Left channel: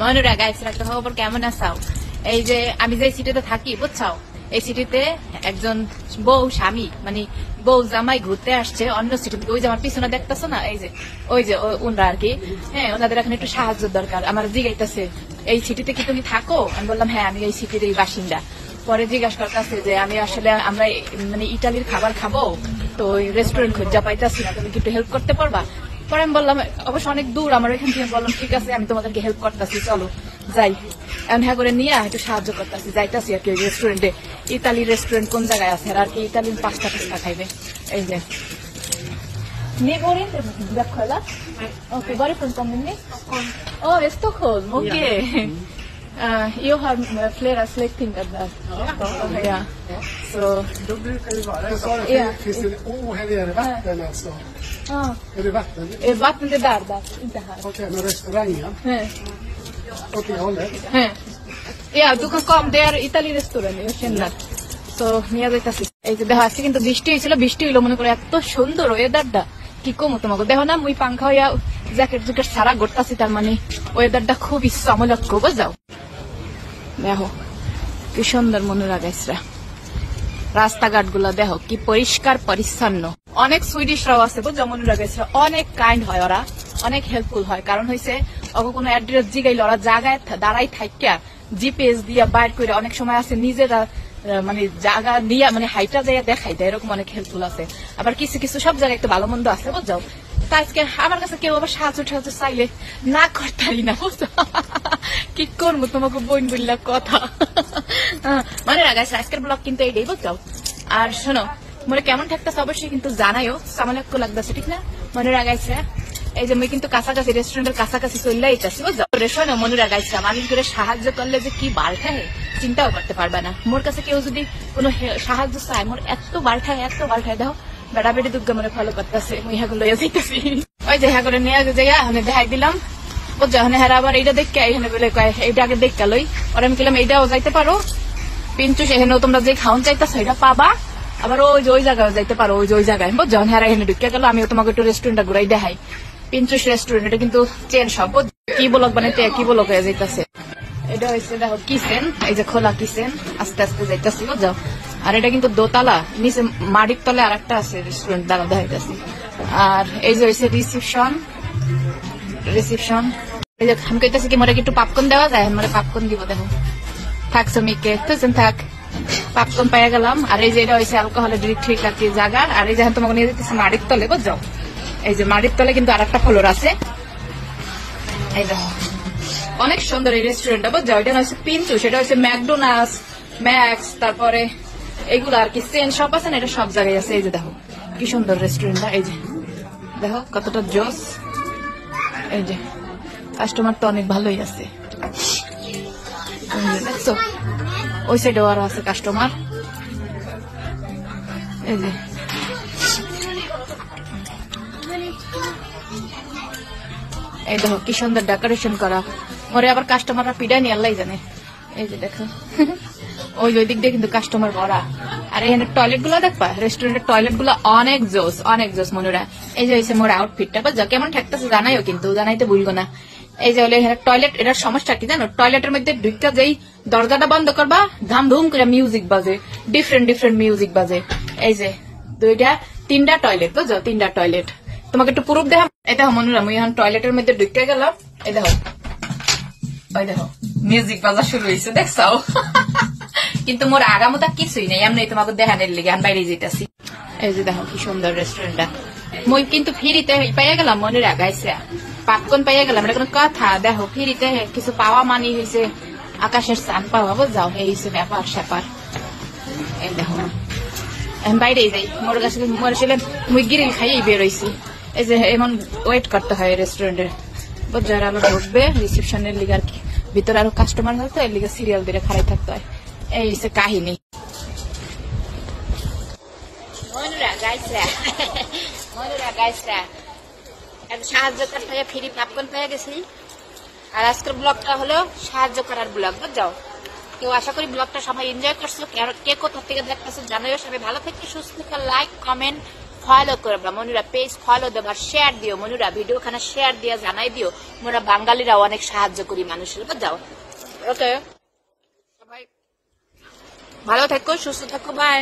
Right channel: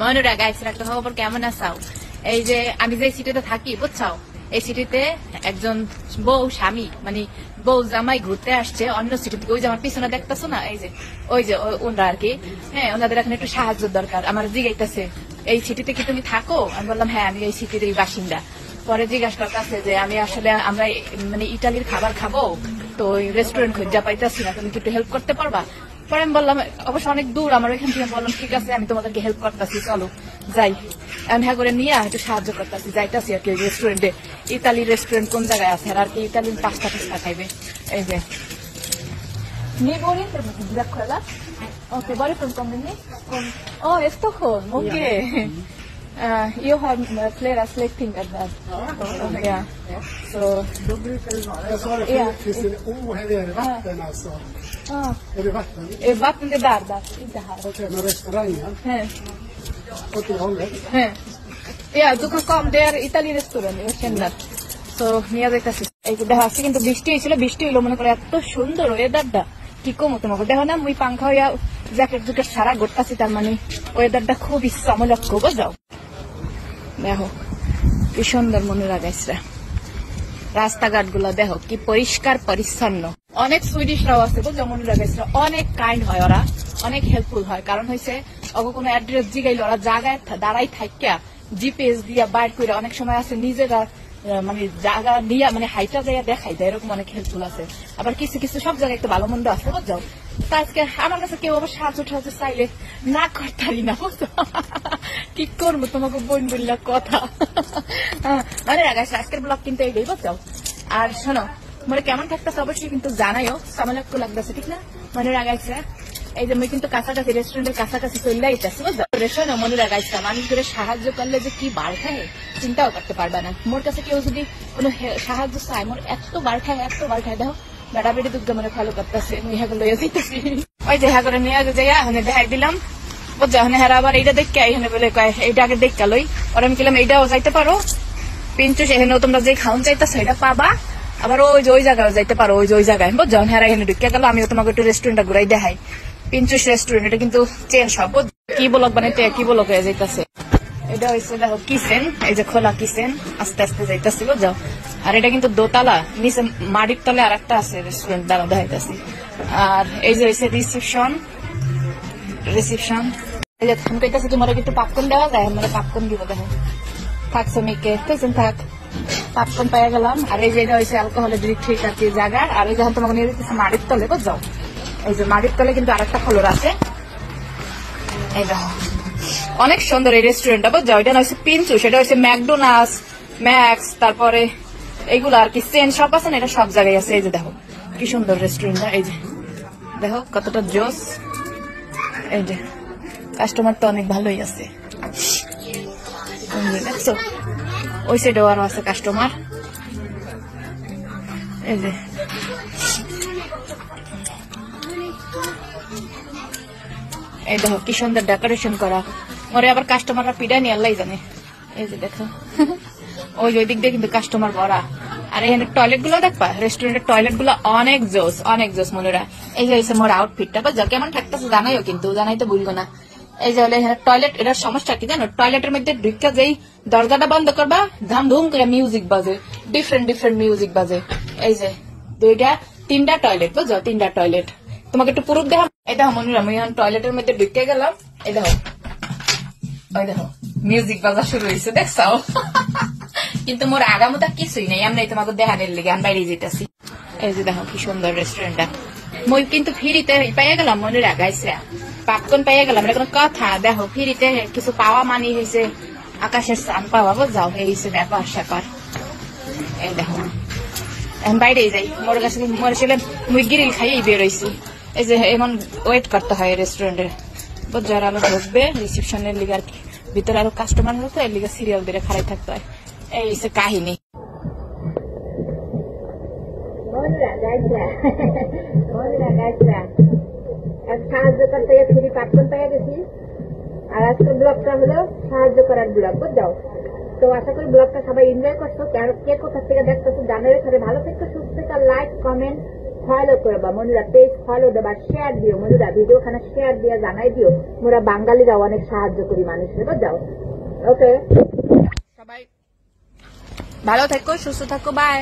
মনুরা guys একটা খবর কেমন আসাও? এই যে আমি যে সিটিতে থাকি বুঝছো, এই সিটিতে একজন বউ স্বামী মানে বউ জামাই ঘুরতে আসছে অন্য সিটি থেকে। ওই যে আমার পিছনে দেখতেছো না, এই যে ওই যে ওনারা আর কি, হ্যাঁ ওনাদের এখন একটু সাহায্য দরকার। আমার জিজ্ঞাসা এই সিটিতে কি তুমি থাকো? আমি বললাম হ্যাঁ আমি এই সিটির বাসিন্দা। পরে জিজ্ঞাসা করতেছে যে আমি আসলে আমরা মানে ইটালির খাবার খাবো, তো ওই রেস্টুরেন্ট খুঁজে পাইতেছি না, তুমি কি একটু হেল্প করতে পারবা? পরে আমি বললাম অবশ্য অনেক দূর আমার এখান থেকে। বললাম ঠিক আছে আমি তোমাদেরকে হেল্প করতেছি, চলো যাই। এখন হ্যাঁ করে নিয়ে একটু সাহায্য করতেছি, যাইতেছি আর কি ওই রেস্টুরেন্টে। ইতালির রেস্টুরেন্ট কোন জায়গায় আছে আর কি ইতালির পাস্তা টাস্তা খাইবে। এই যে Ne volete da quella? Ok, vuole con conveni? Oh, è Stockholm, ok. Io har flera släktingar där. Ja. Så då brukar det vara. Ja. Finns det här är det vatten alltså? Är det vatten? Vatten är där, inte här. Okej, men restaurangen? Åt det hållet? Ja, du kan komma där, Italien restaurang, jag känner. তো নিয়ে যাইতেছি। এই যে দেখা যাচ্ছে কিন্তু বৃষ্টি হয়েছিল, বৃষ্টি হইলো মনে করে এত সুন্দর ওয়েদারটা কি কমো তোমাকে। দেখো না মুই পাংখা হইয়া জ্যাকেট জুকেট সারা ঘুরতাছি, তার মানে ওয়েদারটা খুবই চমলক্ষ বুঝাও। দেখো কি সুন্দর মনে লাগাইছে, রাস্তাঘাট গুলা দেখো কি পরিষ্কার পরিচ্ছন্ন। অনেক সুইডিশরাও আছে বুঝছো মনে লাগাইছে, অনেক কাইন্ড হয় ওরা, অনেক হেল্পফুল হয়। কারণ হয়েছে অগ কোনো অ্যাড্রেস জিগাইল ওরা জায়গায় দাঁড়াই থাকিয়া জিপিএস দিয়া বাইর করে অনেক সময় আছে নিজেরা মানে জায়গা দিয়া মানে হাইটা যাইয়া দেখাই দেয়, এরকম অনেক হেল্পফুল আছে। আবার কিছু কিছু সব জায়গায় একটু ভালো মন্দ আছে বুঝছো। তা আজকে আমার কাছে কেউ আবার সাহায্য টাহায্য চাইলে না করতারি না বুঝছো। কি করবো তোমাকে বোন বললাম কথা। মানে লাগাইছে আজকের ব্লগ কিন্তু এইটাই বুঝছো। আর শোনো মনে কেমন থাকতেছে অবশ্যই কিন্তু জানাইও, সামালক্য লাগতেছে ঠিক না? মনে লাগাইছে এই যে আমি কিন্তু কাছাকাছি রেস্টুরেন্টের কাছাকাছি চলে আইতাছি বুঝছো। রেস্টুরেন্ট মনে লাগাইছে মানুষ করে সাহায্য করলে যে কি বার খায় চিন্তাও করতে পারবে না। মোর কাছে কেউ যদি কোনো সাহায্য চায় মোর এত বার খায় দেখো বেড়া বেড়ি দুর্গা মনে ফলো করতেছে, ইহাগুলো লইয়া যাইতেছি। ওই যে হ্যাঁ করে নিয়ে যাইয়া দেখাই দিলাম বুঝছো। হ্যাঁ আবার এইটা দেখে আমি বলে এইটা আগে দেখা লই। আর আমি বললাম এইটাও যাইতে পারো পিঞ্চু, সেখানেও তোমরা যে খাওয়ান চাইতেছো এটা পাবা। আবার ওই যে ওই জায়গায় যাইতে পারো, ওই যে ওই জায়গায় বুঝছো। হ্যাঁ এখানে ঢুকে গেল, আমিও তোমাকে একটু রেস্টুরেন্টটা ঘুরাই দেখাই। পিঞ্চুস রেস্টুরেন্ট, এটা কিন্তু চেন সব কি বলক বানাইতে কি বলক হয়ে যাইতেছে। এটা হচ্ছে দেখো কিচেন, এই যে খোলা কিচেন আস্তে আস্তে যাইতেছি বুঝছো। আর এটা কিন্তু দোতলা, নিচে মাটির তলে আর একটা আছে রেস্টুরেন্ট দ্বারা দেখাইতেছি। আর এই যে হচ্ছে রিসিপশন, এই যে আমি কইতেছি কি মনে একটু পাপকর্ন দেওয়া যায়, মানে পাপকর্ন দিব দেখো। থাক শ্রমিককে তুই থাক, পাপকর্ন পাইয়া গেলাম। আর এই যে এটা হয়েছে অ্যালকোহলের ঠিক আর কি জায়গা। আর এই যে তোমাকে নিয়ে যেতেছে মাটির তলে বুঝছো। এই যে মাটির তলে কিন্তু আর একটা ফ্লোর আছে। এই দেখো অনেক সুন্দর এই রেস্টুরেন্টটা বুঝছো। এটা হচ্ছে পিঞ্চু, সেটা হচ্ছে ম্যাকডোনাল্ডস, ম্যাক্স, তারপরে এইগুলো আর কি চেন শপ আছে না, এটা সব জায়গায় আছে। এই যে দেখো কি সুন্দর রেস্টুরেন্টটা, এই যে দেখো কতটা জোস। এই যে কাস্টমার তো অনেক ভালোই আছে দেখছো। ওই সাইডেও আরো আছে কাস্টমার। এই যে এই দেখো কি সুন্দর ডেকোরেশন করা। মরে আবার কাস্টমাররা পিডা নিয়ে আল্লাহ জানে। এই যে দেখো ওই দিক দিয়ে কিন্তু কাস্টমার ভরা। আর এখানে টয়লেট গুলো দেখবা, রেস্টুরেন্টের টয়লেট গুলো অনেক জোস মনুরা। এই যে হচ্ছে মোর আউটফিটটা যা কেমন ঠাকতেছে জানাইও, কিন্তু জানাইতে ভুলবো না। এই যে হলে এখানে টয়লেট, এটার সমস্যা কি জানো, টয়লেটের মধ্যে ঢুকা যেই দরজাটা বন্ধ করবা ধাম ধুম করে মিউজিক বাজে, ডিফারেন্ট মিউজিক বাজে। এই যে তিনটা টয়লেট বুঝছো, তিনটা টয়লেট। তোমাকে একটু প্রুফ দেখা। এই দেখো মনুরা আমি এখন টয়লেটের মধ্যে ঢুকে গেলাম। এই দেখো ওই দেখো মিউজিক বাজা শুরু হয়েছে দেখছো। কিন্তু মোর আগামতা কিছুই নেই, এমনি তোমাকে দেখানোর লিগে আমি বাইরে যেতেছি। এই যে দেখো কি সুন্দর রেস্টুরেন্টটা। মই কিন্তু ফ্রিতে পাইয়া গেলাম, মনের আগাইছে পাপকর্ন পাইয়া গেলাম, এটা কোনো কথা? দেখো ফ্রিতে কিছু পাওয়া মানি হয়েছে আকাশের চান পাওয়া বুঝাও, এই হচ্ছে ব্যাপার স্যাপার। এই দেখো আমি বাইরে যাই, মোর কাছে মরে ছিলেন মুই গিরিল খাইয়েই বেরোইছি। এই যে এমন ওয়েট করতে হয় রেস্টুরেন্টের বুঝছো। আর আলো ঢুকবে রিসেপশনের লিগে, আর ভিতরে আরো কাস্টমার হতো এর লিগে সিরিয়াল দিয়ে খাড়াই থাকতে হয়। এই হচ্ছে কাহিনী। সাহায্য করতে ফ্রি পাপকর্ন পেয়ে গেছি। আর আজকের ব্লগটা হলো সাহায্য করার ব্লগ বুঝছো। তো আশা করি ব্লগটা সবাই এনজয় করছো। কে কোথা থেকে দেখতেছো জানাও। সবাই ভালো থেকে সুস্থ থেকে লাইক কমেন্ট ফলো করবা মনুরা পেজ ফলো দেবা শেয়ার দিও মনুরা ভিডিও খানা শেয়ার দিয়া জানাই দিও মোরা বাঙালিরা অনেক সাহায্য করি মানুষের যাও ওকে সবাই ভালো থাকো সুস্থ থাকো বাই